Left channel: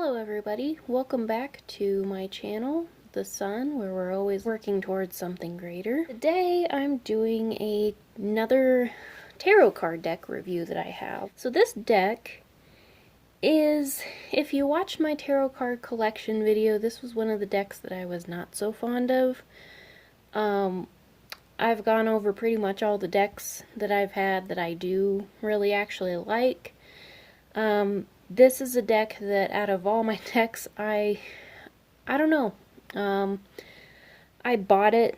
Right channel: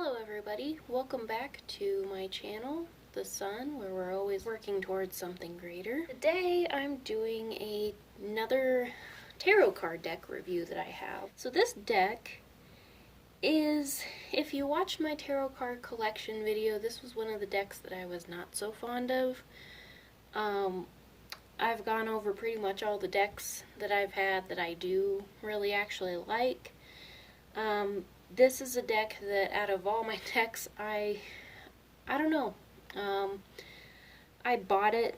Hello everybody, welcome back to my channel, The Sun, where we're always working towards something greater. Today I'm doing another tarot card deck review that I have. So this deck is, if you watched my tarot card collection video, this was one of the decks that I was not so fond of. I've gone over pretty much all the decks that I've had that I do really actually like. This is a deck that out of all my decks, I don't know. I bought it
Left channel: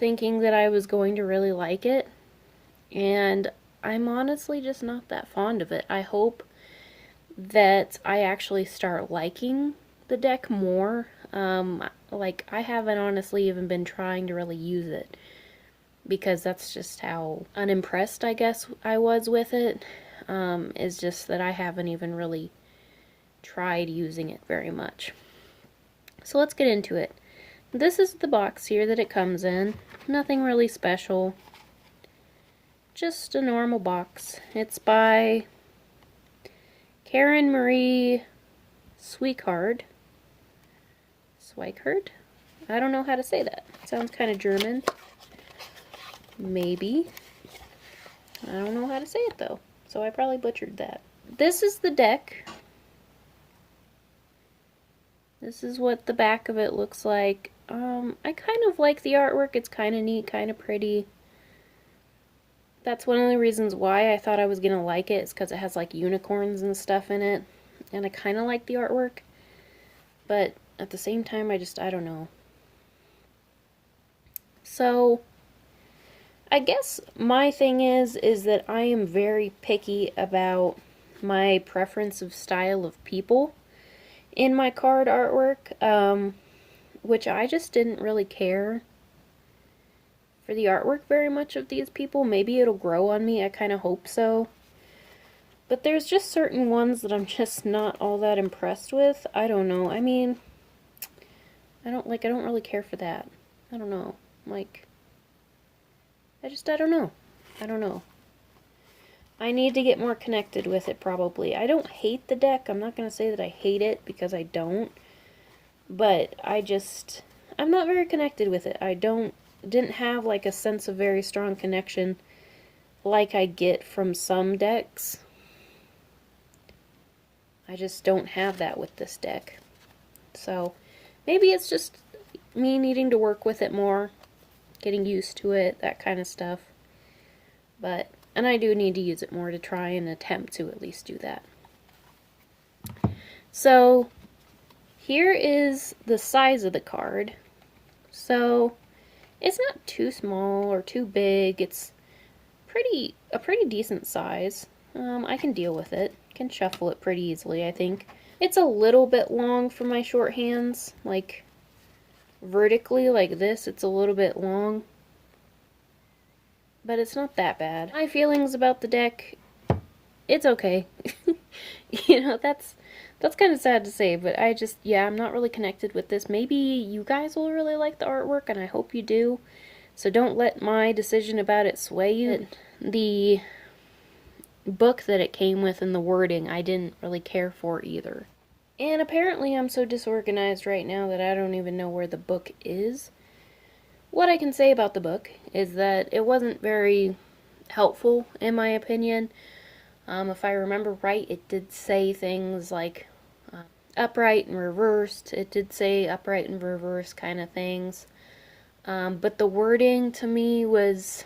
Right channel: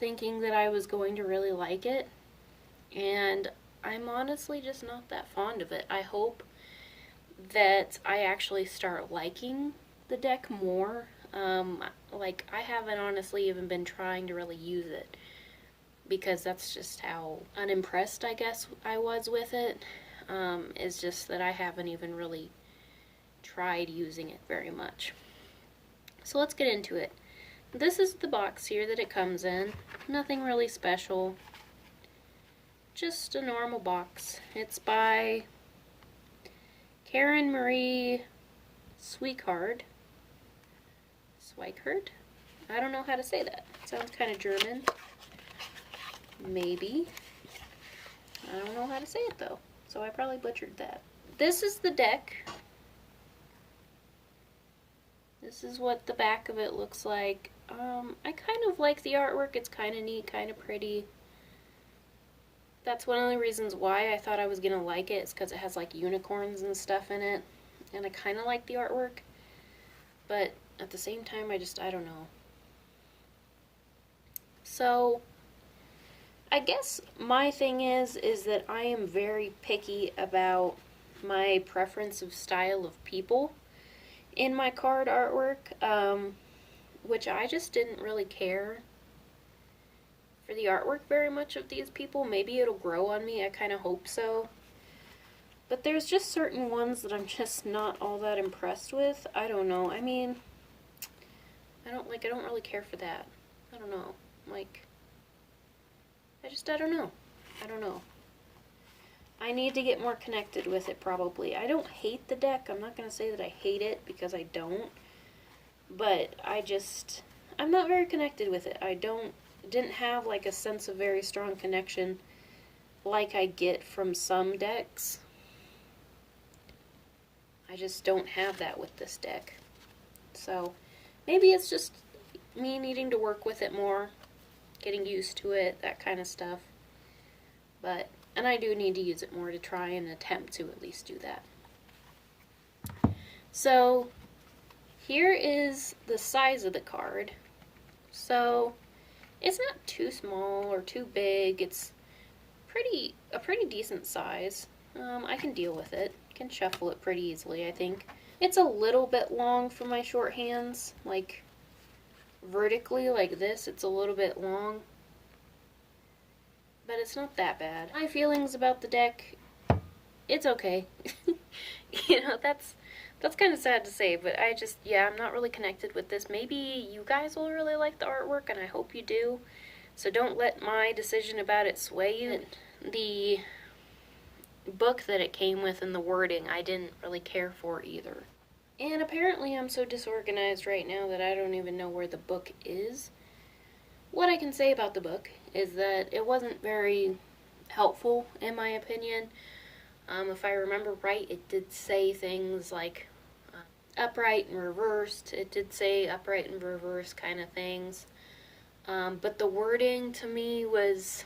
thinking that I was going to really like it, and I'm honestly just not that fond of it. I hope that I actually start liking the deck more. Like, I haven't honestly even been trying to really use it, because that's just how unimpressed I guess I was with it. Is just that I haven't even really tried using it very much. So let's get into it. This is the box here that it comes in. Nothing really special. Just a normal box. It's by Karen Marie Swikard. Swikard? I don't know how to say that. It sounds kind of German. Maybe. I don't know how to say it though, so I probably butchered that. This is the deck. This is what the back of it looks like. I kind of like the artwork. It's kind of neat, kind of pretty. That's one of the reasons why I thought I was going to like it, is because it has like unicorns and stuff in it. And I kind of like the artwork. But at the same time, I don't know. So, I guess my thing is that I am very picky about my preference of style of people in my card artwork, which I just didn't really care for the artwork very much of these people. Maybe it'll grow on me, I kind of hope so. But there's just certain ones that I'm just not all that impressed with. I don't know, I mean, I don't really care for that. I don't know, like, I don't know. I don't know. I need to get more connected with it, probably. I don't hate the deck. I'm not going to say that I hate it, because I don't. But I'm not very connected with it. I didn't have like a sense of very strong connection like I get from some decks. I just don't have that with this deck. So, maybe it's just me needing to work with it more, getting used to it, that kind of stuff. And I do need to use it more to try and attempt to at least do that. So, here is the size of the card. So, it's not too small or too big. It's a pretty decent size. I can deal with it. Can shuffle it pretty easily, I think. It's a little bit long for my short hands. Like, vertically like this, it's a little bit long. But it's not that bad. My feelings about the deck, it's okay. You know, that's kind of sad to say, but I'm not really connected with this. Maybe you guys will really like the artwork, and I hope you do. So don't let my decision about it sway you. The book that it came with and the wording, I didn't really care for either. And apparently I'm so disorganized right now that I don't even know where the book is. What I can say about the book is that it wasn't very helpful, in my opinion. If I remember right, it did say things like upright and reversed. It did say upright and reverse kind of things. But the wording to me was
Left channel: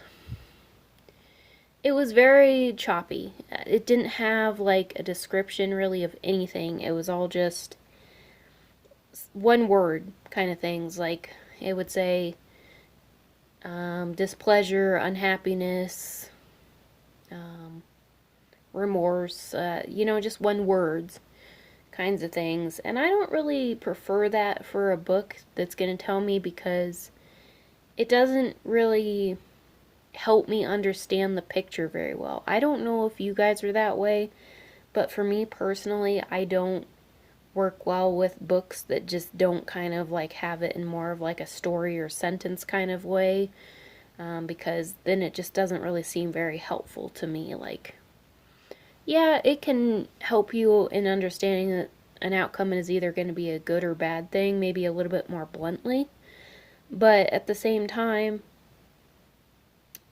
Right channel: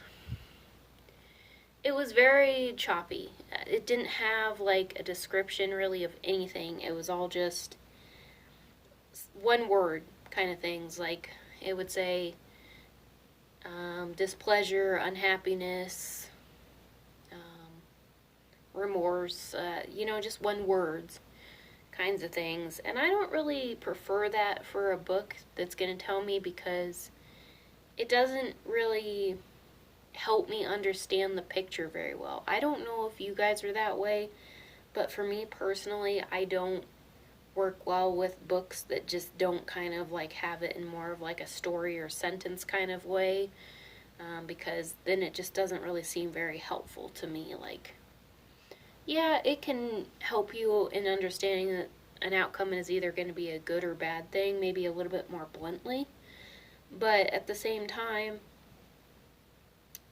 very choppy. It didn't have like a description really of anything. It was all just one word kind of things. Like, it would say displeasure, unhappiness, remorse, just one words kinds of things. And I don't really prefer that for a book that's going to tell me, because it doesn't really help me understand the picture very well. I don't know if you guys are that way, but for me personally, I don't work well with books that just don't kind of like have it in more of like a story or sentence kind of way, because then it just doesn't really seem very helpful to me. Like, yeah, it can help you in understanding an outcome is either going to be a good or bad thing, maybe a little bit more bluntly. But at the same time,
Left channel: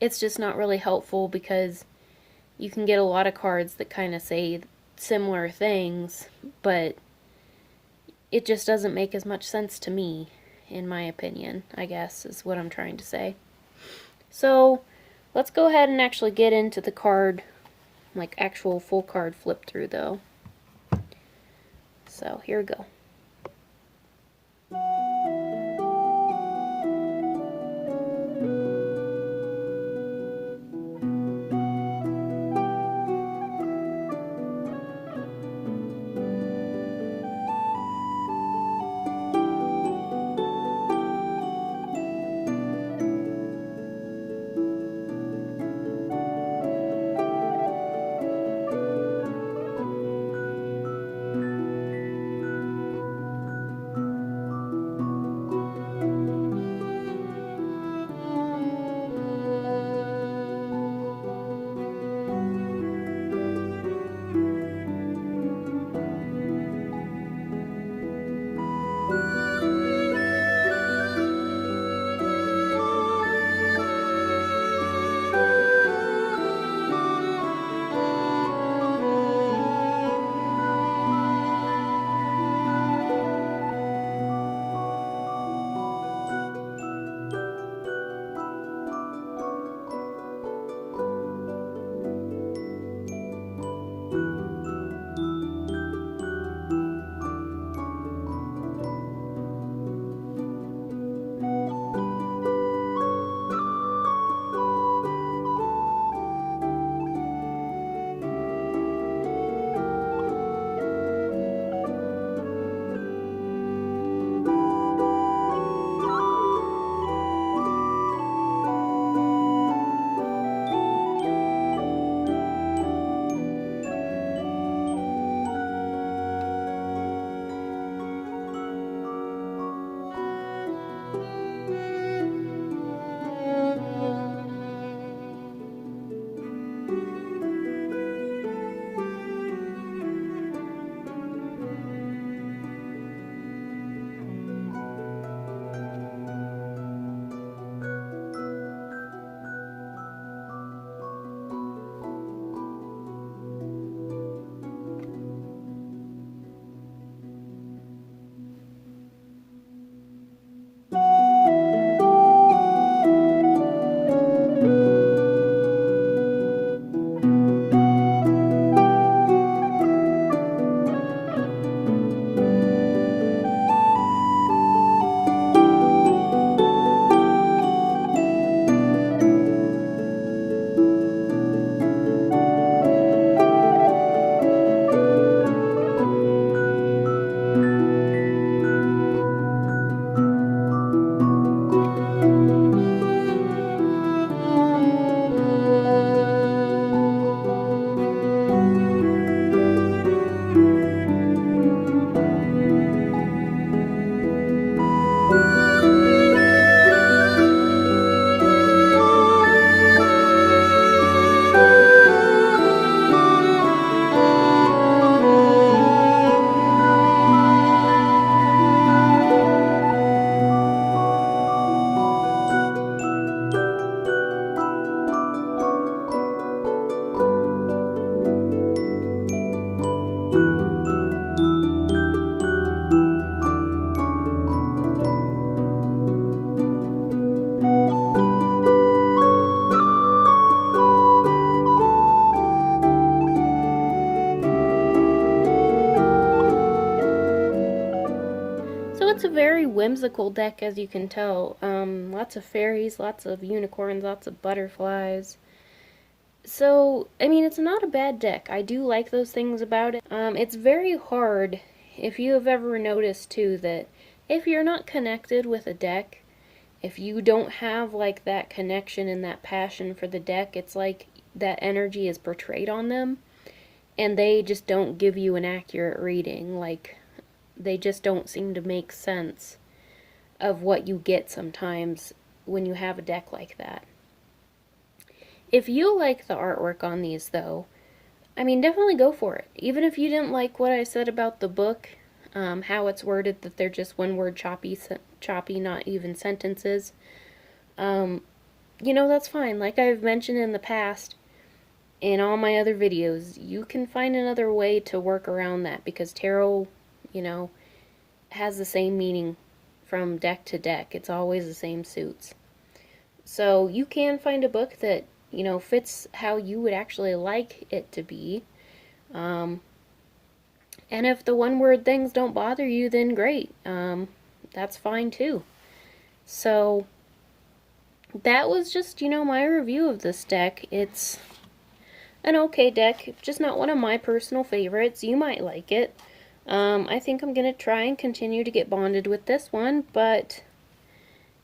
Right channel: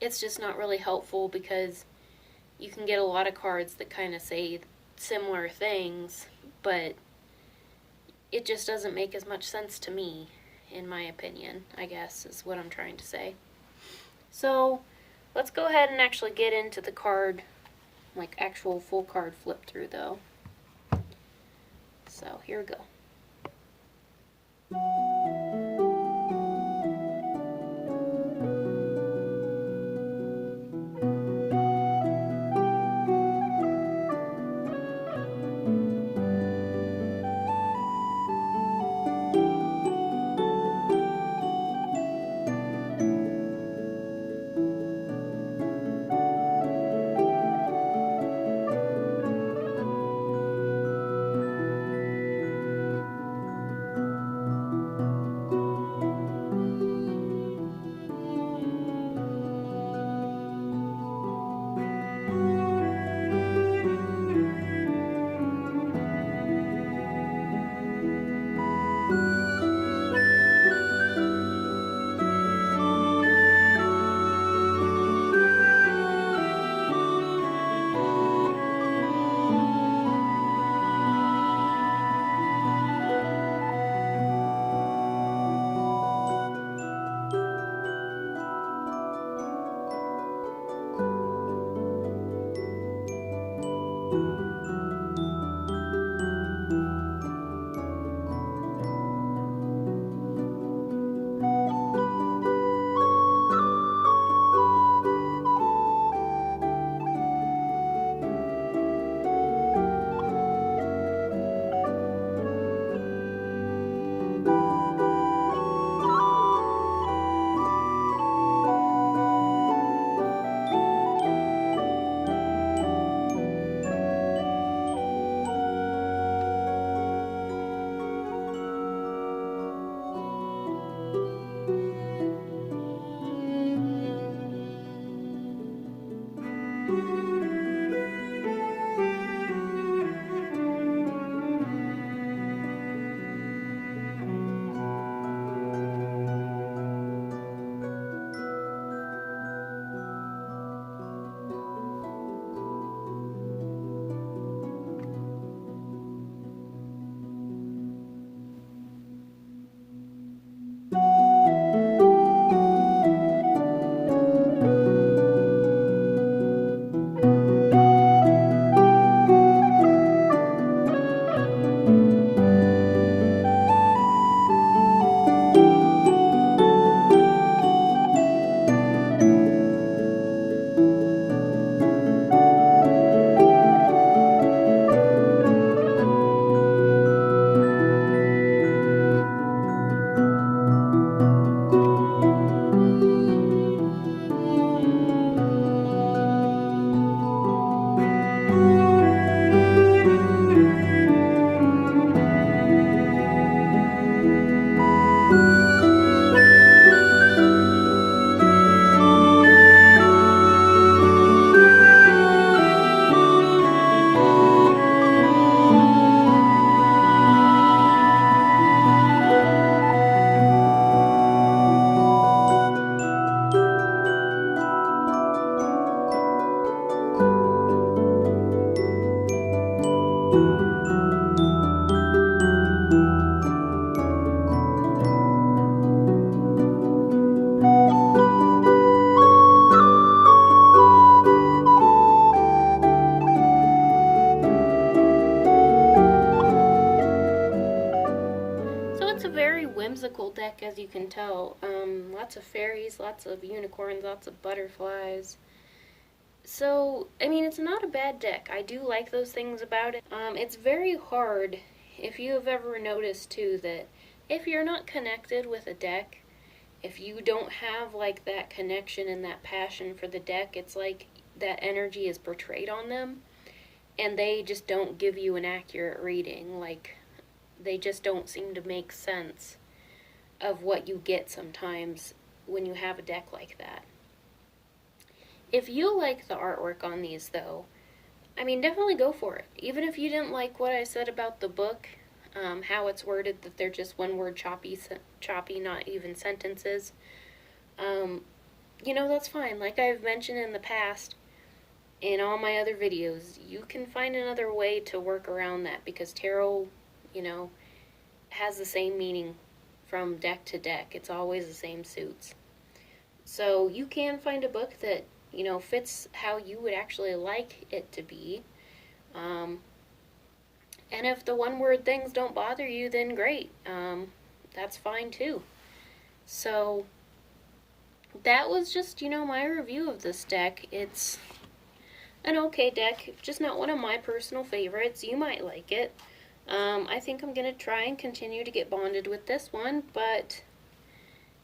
it's just not really helpful because you can get a lot of cards that kind of say similar things, but it just doesn't make as much sense to me, in my opinion, I guess, is what I'm trying to say. So, let's go ahead and actually get into the card, like actual full card flip through though. So, here we go. Whimsical deck, as you can tell. Lots of fairies, lots of unicorns, lots of butterflies. So, I mean, it's not a bad deck. I do like those things about it. It's very hard, if you have ever noticed, too, that if you're not connected with a deck, if you don't have, like, that connection and that passion for the deck, it's like that energy is portrayed on them, and they just don't give you an accurate reading. Like, they just don't seem to make sense of what you get sometimes when you have a deck like that. If you like the artwork on these, though, I mean, definitely go for it. Even if you didn't like what I said about the book, how it's worded, that they're just one word choppy, not even sentences. You know, that's fine. Like I've mentioned in the past, in all my other videos, you can find another way to work around that, because tarot, you know, has the same meaning from deck to deck. It's always the same suits. So you can find a book that, you know, fits how you would actually like it to be. And if the one word things don't bother you, then great. That's fine too. So that was just, you know, my review of this deck. It's an okay deck, just not one of my personal favorites. You might like it. I think I'm going to try and continue to get bonded with this one, but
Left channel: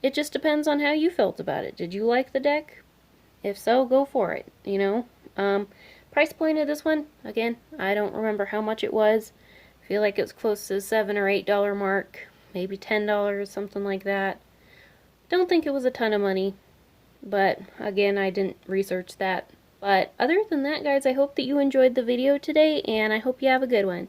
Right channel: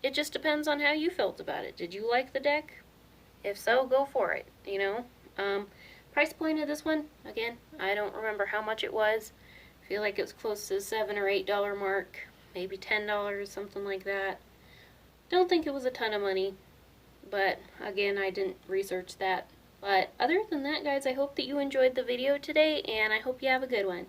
it just depends on how you felt about it. Did you like the deck? If so, go for it, you know. Price point of this one, again, I don't remember how much it was. I feel like it was close to the $7 or $8 mark, maybe $10, something like that. Don't think it was a ton of money, but again, I didn't research that. But other than that, guys, I hope that you enjoyed the video today, and I hope you have a good one.